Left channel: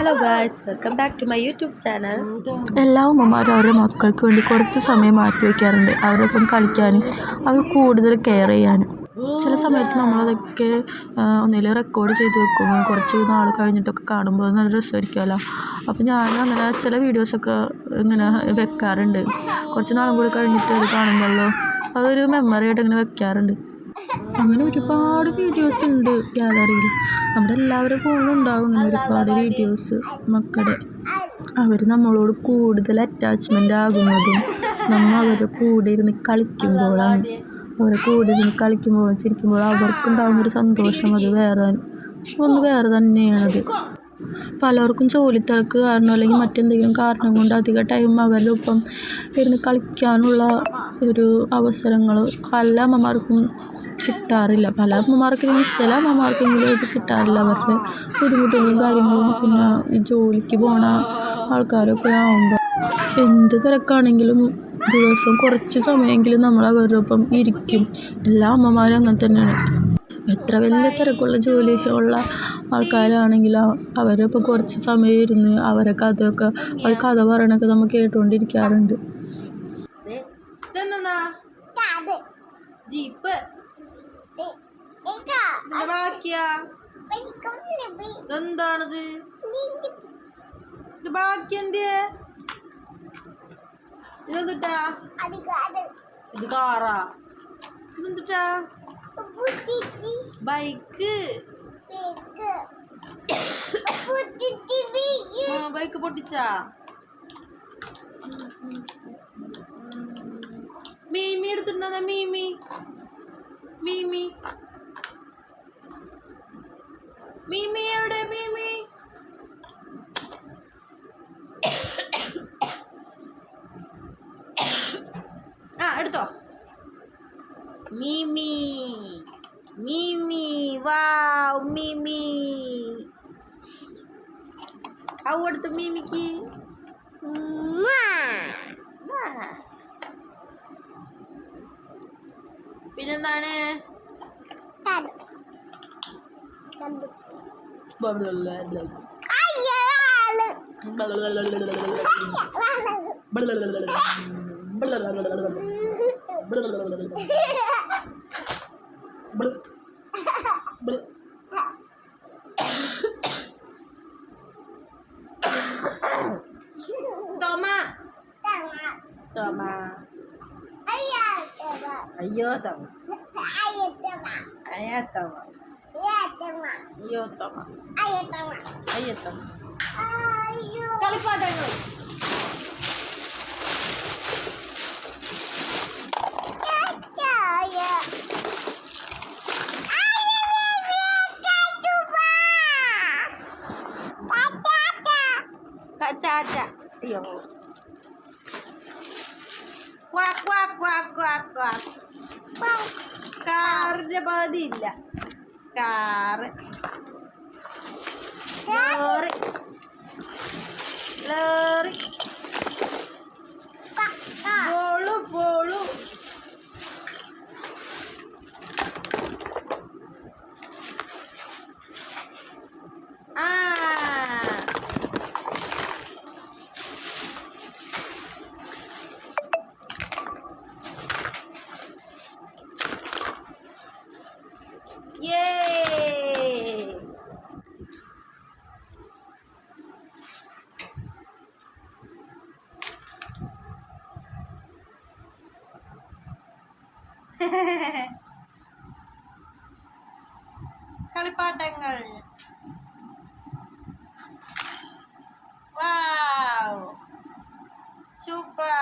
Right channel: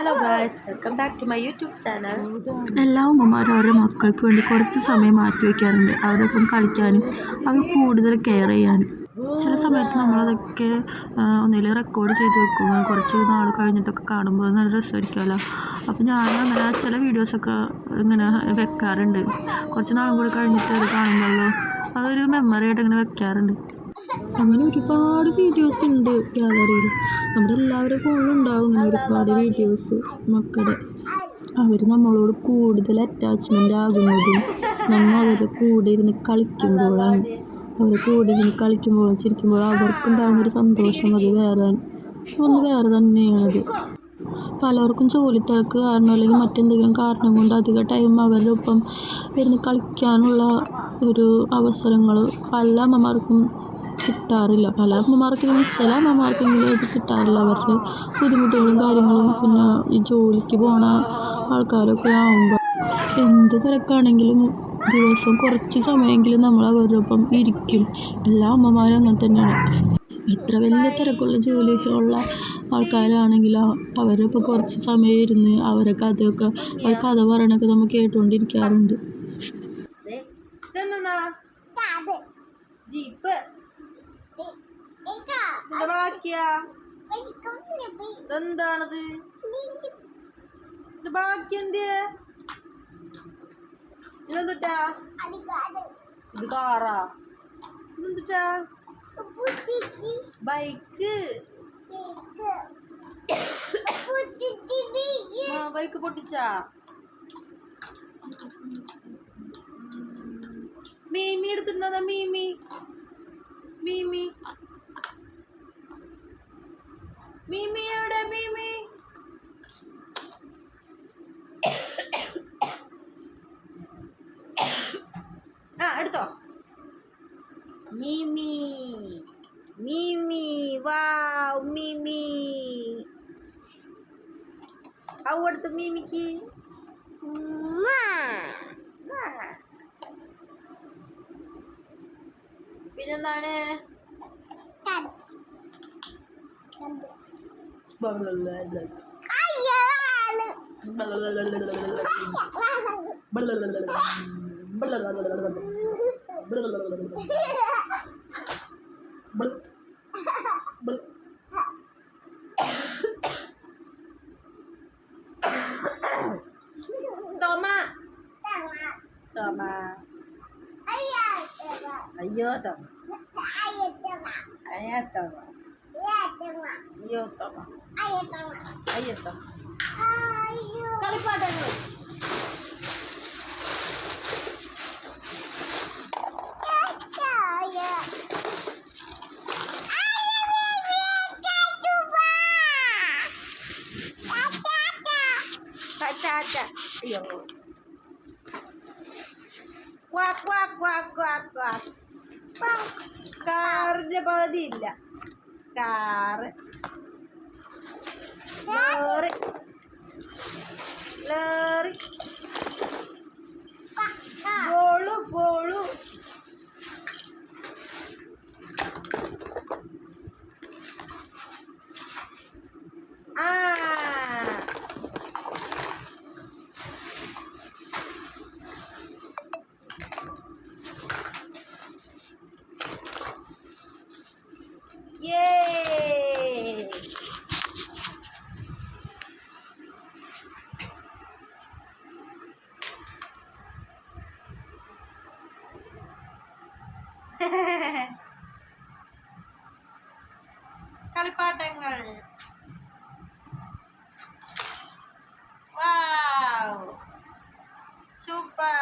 Hello guys, welcome back to my YouTube channel. എല്ലാ അമ്മമാരും അവരുടെ മക്കൾക്ക് വേണ്ടി കുറച്ച് സമയം മാറ്റി വയ്ക്കാറുണ്ട്, അവരൊപ്പം കളിക്കാനും അവർ കൂടുതൽ കെയർ ചെയ്യാനും. ചില സമയത്ത് നമ്മളതൊക്കെ ഒന്നിലും റെക്കോർഡ് ചെയ്ത് വെക്കും, കുറച്ച് നാൾ കഴിഞ്ഞിട്ടൊക്കെ കാണുമ്പോൾ നല്ല രസമായിരിക്കുമല്ലോ. അപ്പോൾ ഞാനങ്ങനെ ചില വീഡിയോസൊക്കെ ഇങ്ങനെ വെക്കാറുണ്ട്. കുറച്ച് നാളും കൂടി കഴിഞ്ഞിട്ട് അത് കാണുമ്പോഴല്ലോ അതൊരു മെമ്മറി ആയിട്ട് ഇങ്ങനെ വെക്കാറുണ്ട്. അങ്ങനെ ഒരുപാട് വീഡിയോസ് ഉണ്ട് ഗാലറിയിൽ. നമ്മുടെ എല്ലാവരുടെ ഫോണിലും ഉണ്ടാവും ഇങ്ങനെ ഒരുപാട് വീഡിയോസ്. മക്കളുടെ അവർ നമ്മളോട് കൂടുതൽ അറ്റാച്ച്മെൻ്റ് ആകുന്നതും നമ്മൾ അവരുടെ കൂടെ ഇരുന്ന് കളിക്കുമ്പോഴാണ്. അവരുടെ കൂടെ ഇരുന്ന് കളിക്കുമ്പോഴും ചിരിക്കുമ്പോഴും അവർക്കുണ്ടാകുന്നൊരു സന്തോഷം അത് വേറെ തന്നെയാണത്. പലർക്കും ജോലി തിരക്ക് കാരണം അല്ലെങ്കിൽ മറ്റെന്തെങ്കിലും കാരണം കൊണ്ട് അധിക ടൈം അവരുടെ ഒപ്പം ഇരുന്ന് കളിക്കാനുള്ള ഒരു അവസരങ്ങൾ പല അമ്മമാർക്കും കിട്ടാറില്ല. പല അമ്മമാർക്കും ചില അമ്മമാർക്കെങ്കിലും ഇത് കിട്ടാറില്ല. അവരുടെ ബുദ്ധിമുട്ടുകളും കാര്യങ്ങളും പിന്നെ ഈ ജോലിക്ക് പോണ ആൾക്കാരൊക്കെ ആകുമ്പോൾ എന്ത് തിരക്കാണെങ്കിലും ദിവസം കുറച്ച് സമയമെങ്കിലും നമ്മൾ അവരുടെ ഒപ്പം ഇരിക്കും. എല്ലാ അമ്മമാരും അങ്ങനെ തന്നെയാണ്. എത്ര വലിയ തിരക്കുള്ള ജോലി ഉള്ള ആൾക്കാരാണെങ്കിലും അവരൊപ്പം കുറച്ച് സമയം ഇരുന്ന് അവർ കഥ പറയണൊക്കെ നമ്മൾ കേട്ടുകൊണ്ടിരിക്കാറുണ്ട്. എന്താണത്? ബാക്കി ഇതെന്തുട്ടാ? ഇത് കാറാ? ഇതെന്തുട്ടാ? ബൈക്ക്. ബൈക്ക് പൊട്ടിച്ചാ? മീമി എടുത്തിട്ടുണ്ടോ? മീമി മീമി മീമി എവിടെ? മീമി എടുത്തോ. മീമി മീമി വാവ് മീമി. അടുത്ത മീമിക്ക് പിന്നെന്താണ്? Toma. Ayo toma. Ayo toma. Ayo toma. Ayo toma. കളിപ്പാട്ടങ്ങൾ. അയ്യോ. കാറിന്റെ പകുതി ഇല്ല. Car lorry lorry ball ball. കളിപ്പാട്ടങ്ങൾ. Wow super.